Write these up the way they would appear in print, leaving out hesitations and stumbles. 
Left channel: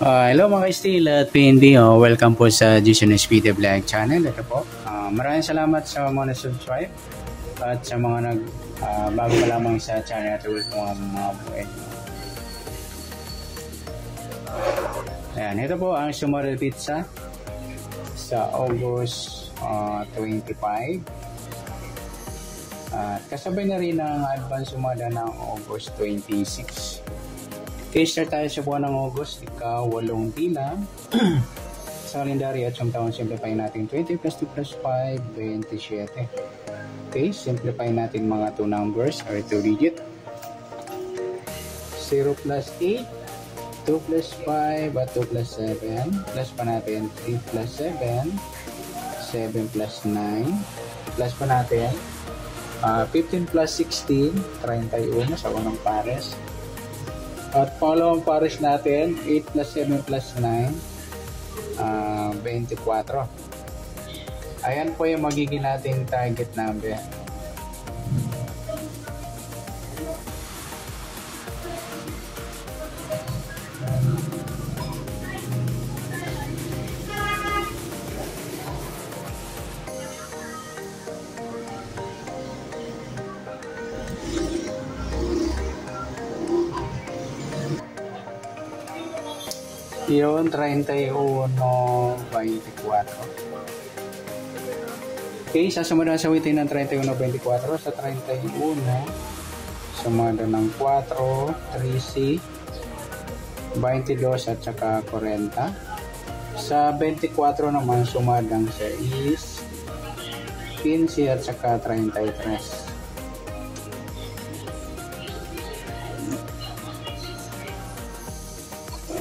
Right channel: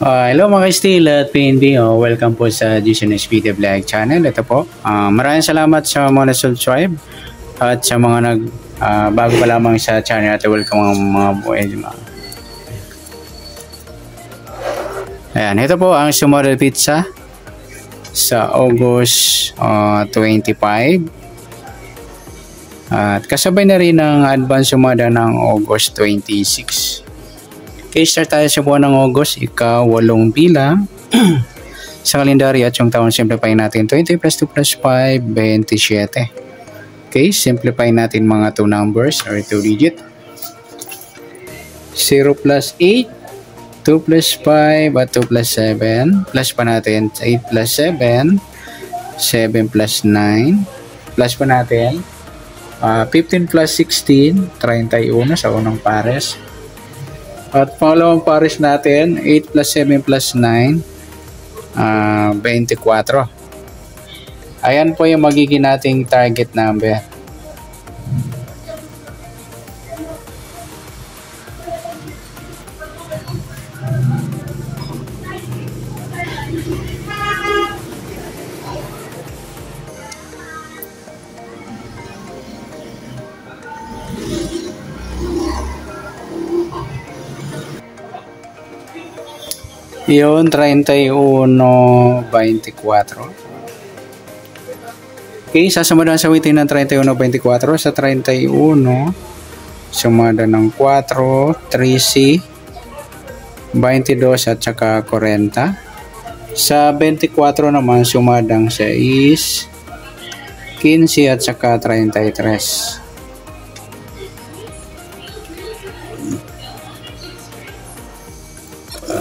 Hello mga ka-Steel at PND. Welcome po sa GCNS Video Vlog channel. Ito po. Maraming salamat sa mga subscribe at sa mga bago pa lamang sa channel at welcome mga buhay. Ayan, ito po ang Sumodel Pizza sa August 25. At kasabay na rin ang advance sumada ng August 26. Okay, start tayo sa buwan ng August, ika-8 bilang sa kalendaryo at yung taon simplify natin 20 plus 2 plus 5, 27. Okay, simplify natin mga 2 numbers or 2 digit. 0 plus 8, 2 plus 5 at 2 plus 7. Plus pa natin 8 plus 7, 7 plus 9. Plus pa natin 15 plus 16, 31 sa unang pares. At pangalawang pares natin, 8 plus 7 plus 9, 24. Ayan po yung magiging nating target number. Yun, 31-24. Okay, sasamada sa witin ng 31-24 sa 31, sumada ng 4, 13, 22 at saka 40. Sa 24 naman, sumadang 6, 15 at saka 33.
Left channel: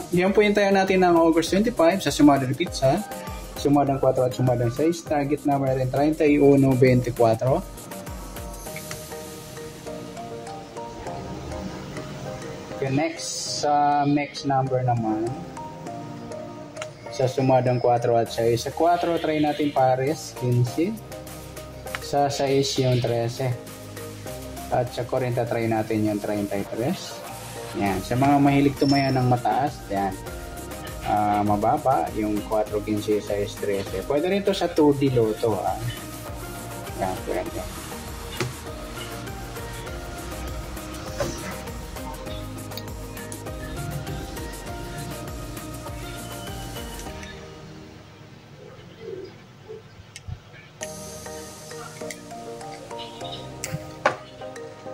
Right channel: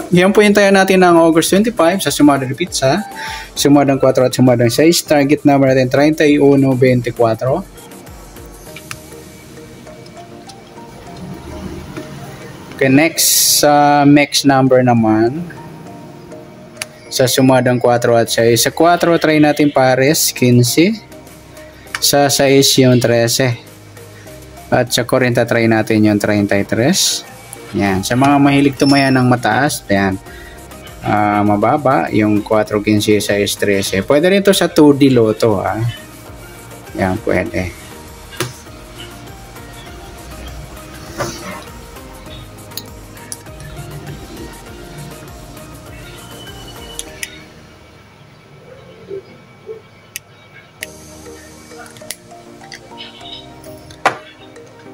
Yan po yung tayo natin ng August 25 sa Sumodel Pizza. Sumadang 4 at sumadang 6. Target number natin 31-24. Okay, next next number naman sa sumadang 4 at 6. Sa 4 try natin pares 15. Sa 6 yung 13. At sa 40 try natin yung 33. Yan, sa mga mahilig tumaya ng mataas, yan, mababa, yung 4, 15, 6, 13. Pwede rin ito sa 2D Lotto, ha. Yan, pwede.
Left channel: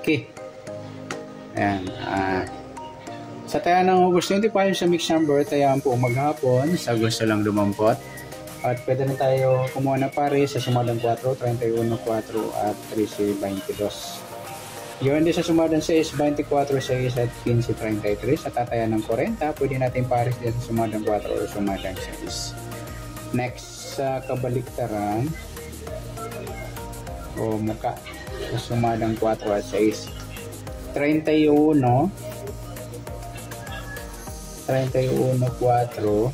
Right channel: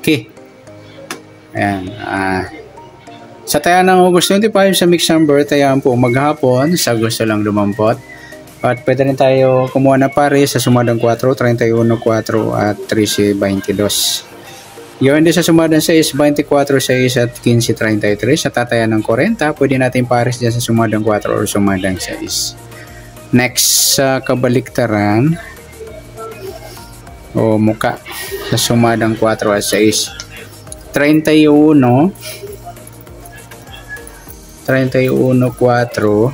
Okay. Ayan, sa taya ng August 25 sa mix number, tayaan po maghapon sa gusto lang lumampot. At pwede rin tayo kumuha na pare sa sumadang 4, 31, 4 at 13, 22. Yun din sa sumadang 6, 24, 6 at 15, 33. Sa tataya ng 40, pwede natin pares dyan sa sumadang 4 or sumadang 6. Next sa kabaliktaran o muka sa sumadang 4 at 6. 31, 4, 31,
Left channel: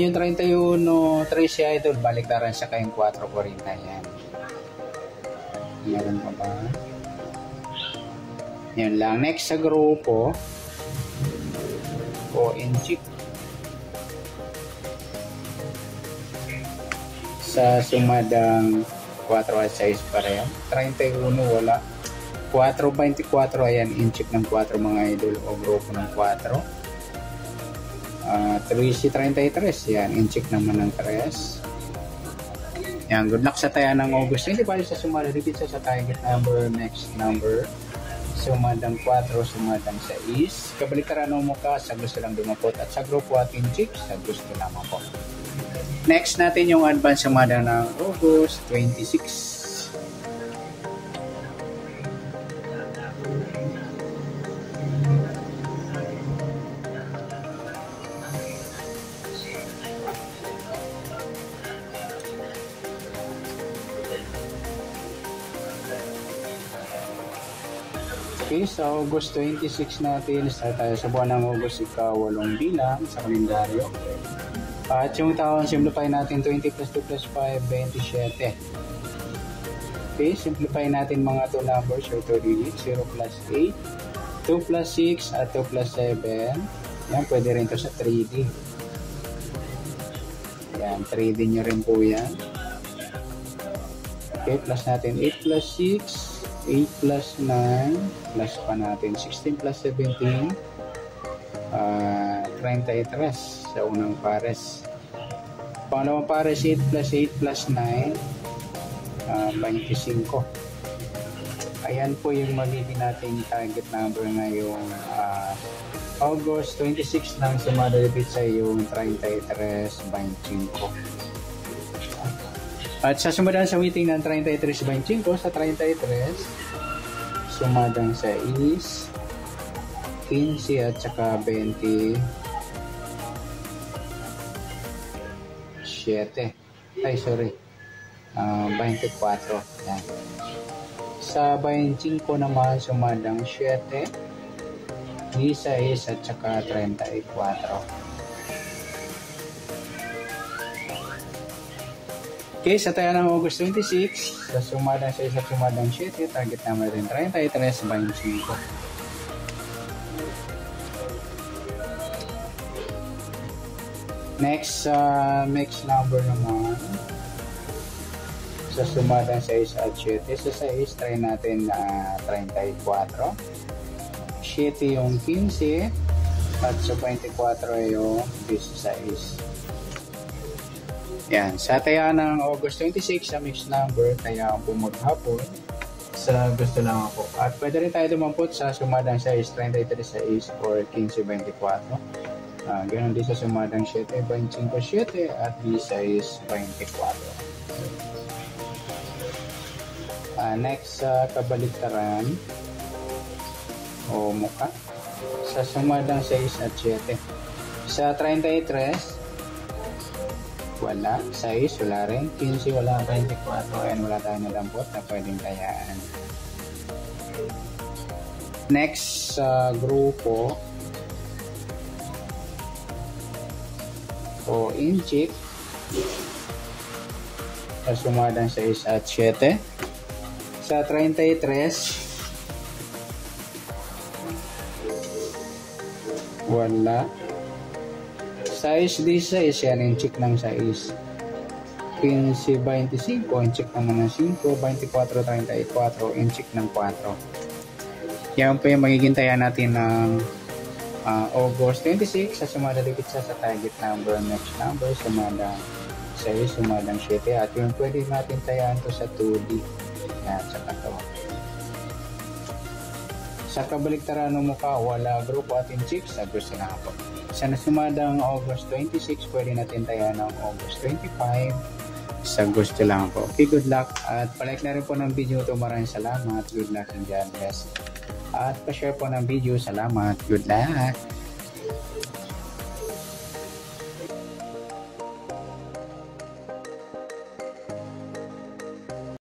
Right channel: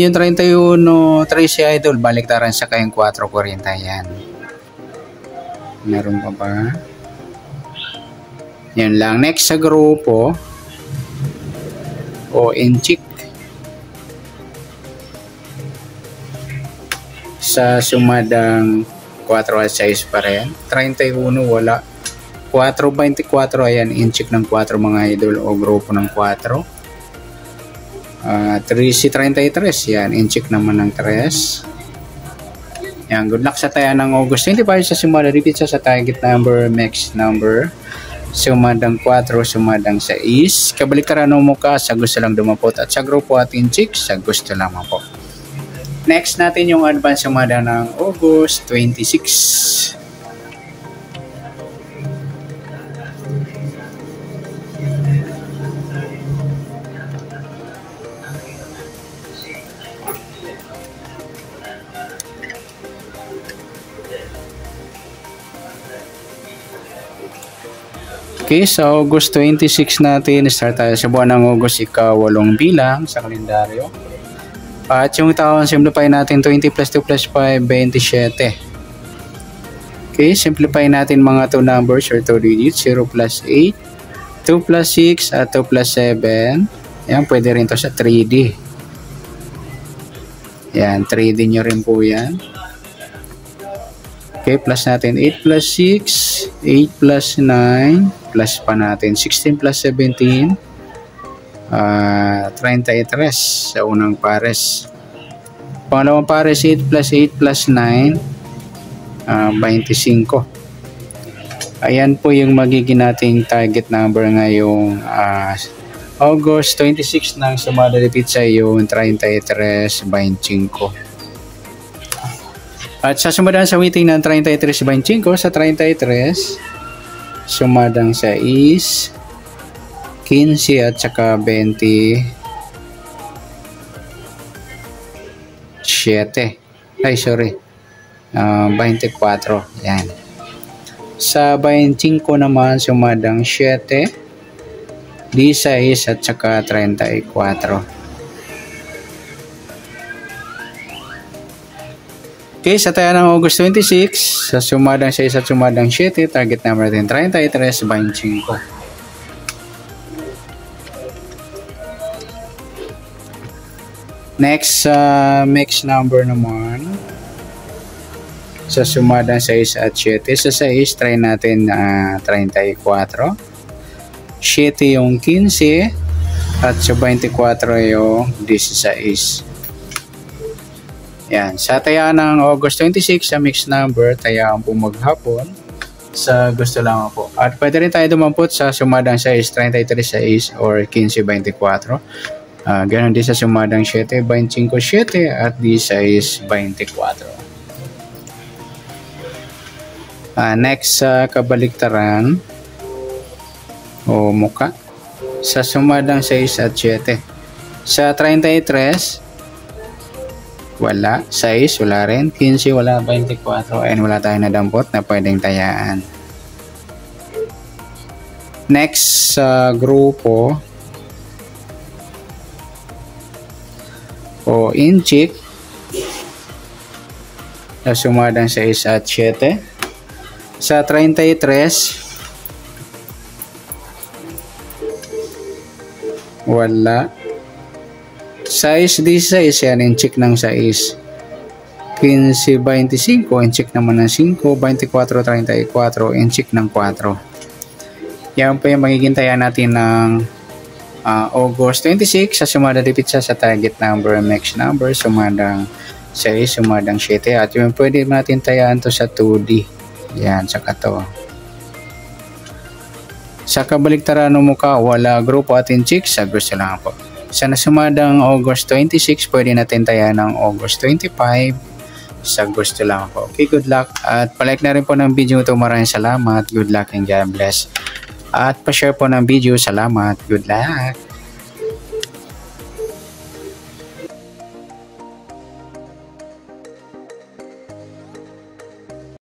yung 31, 13 idol, baliktaran sa kayong 4, 40, yan. Meron pa ba? Yan lang. Next sa grupo, o inchik, sa sumadang 4 at 6 pa rin. 31 wala. 4, 24 ayan, inchik ng 4 mga idol o grupo ng 4. 13, 33 yan, inchik naman ng 3. Yan, good luck sa taya ng August 25 sa Sumodel Pizza sa target number, max number. Sumadang 4, sumadang 6. Kabaliktaran ng muka sa gusto lang dumapot at sa grupo at inchik sa gusto lamang po. Next natin yung advance sumada ng August 26. Okay, sa August 26 natin, start tayo sa buwan ng August, ika-8 bilang sa kalendaryo. At yung taon simplify natin 20 plus 2 plus 5, 27. Okay, simplify natin mga 2 numbers or 2 digits. 0 plus 8, 2 plus 6, at 2 plus 7. Yan, pwede rin to sa 3D. Yan, 3D nyo rin po yan. Okay, plus natin 8 plus 6, 8 plus 9, plus pa natin 16 plus 17, 33 sa unang pares. Pangalawang pares, 8 plus 8 plus 9, 25. Ayan po yung magiging nating target number ngayong August 26 ng sumada de pizza yung 33.25. At sa sumadang sa waiting ng 33.25 sa 33, sumadang sa is 15 at saka 27. Ay, sorry. 24. Yan. Sa 25 naman, sumadang 7, 16 at saka 34. Okay, sa tayo ng August 26, sa sumadang 6 at sumadang 7, target number natin 33.25. Next, mix number naman. Sa sumadang 6 at 7, sa 6, try natin 34. 7 yung 15, at sa 24 yung 16. Yan, sa tayaan ng August 26 sa mixed number, tayaan po maghapon sa gusto lang po. At pwede rin tayo dumampot sa sumadang 6, 33 or 15-24. Ganon din sa sumadang 7, 25-7 at 16-24. Next sa kabaliktaran o muka sa sumadang 6 at 7. Sa 33, wala. 6, wala rin. 15, wala. 24, and wala tayong nadampot na pwedeng tayaan. Next sa grupo o inchik sa sumadang 6 at 7. Sa 33, wala. 6, 16, yan, inchik ng 6. 15, 25, inchik naman ng 5. 24, 34, inchik ng 4. Yan po yung magiging taya natin ng August 26 sa sumada de pizza sa target number, mix number, sumadang 6, sumadang 7. At yung pwede natin tayaan to sa 2D. Yan, saka to. Sa kabaliktaran ng mukha, wala. Grupo at inchik, sa gusto lang po. Sa nasumadang August 26, pwede natin taya ng August 25. Sa gusto lang po. Okay, good luck. At palike na rin po ng video ito. Maraming salamat. Good luck and God bless. At pa-share po ng video. Salamat. Good luck.